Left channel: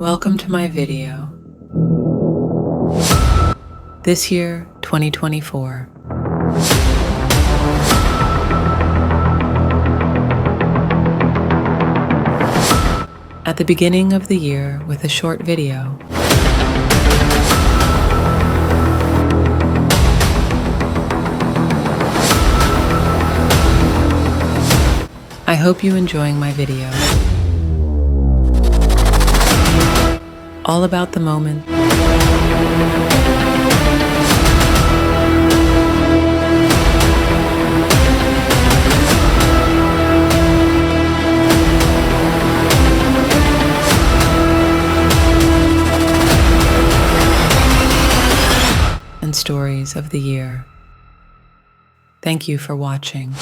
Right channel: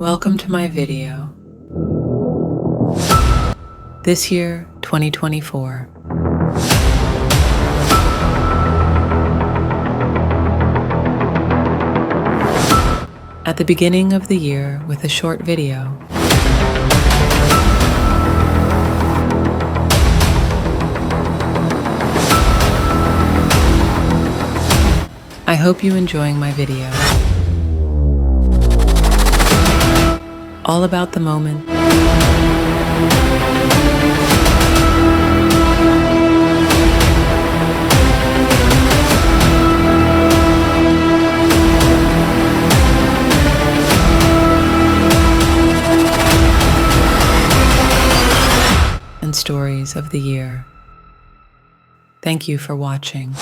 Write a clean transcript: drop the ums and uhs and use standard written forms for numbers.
Welcome to my video. This year, 2024. At the beginning of the year with a short video. I hope you're enjoying my video. All about the moment. And stories of the year. Thank you for watching.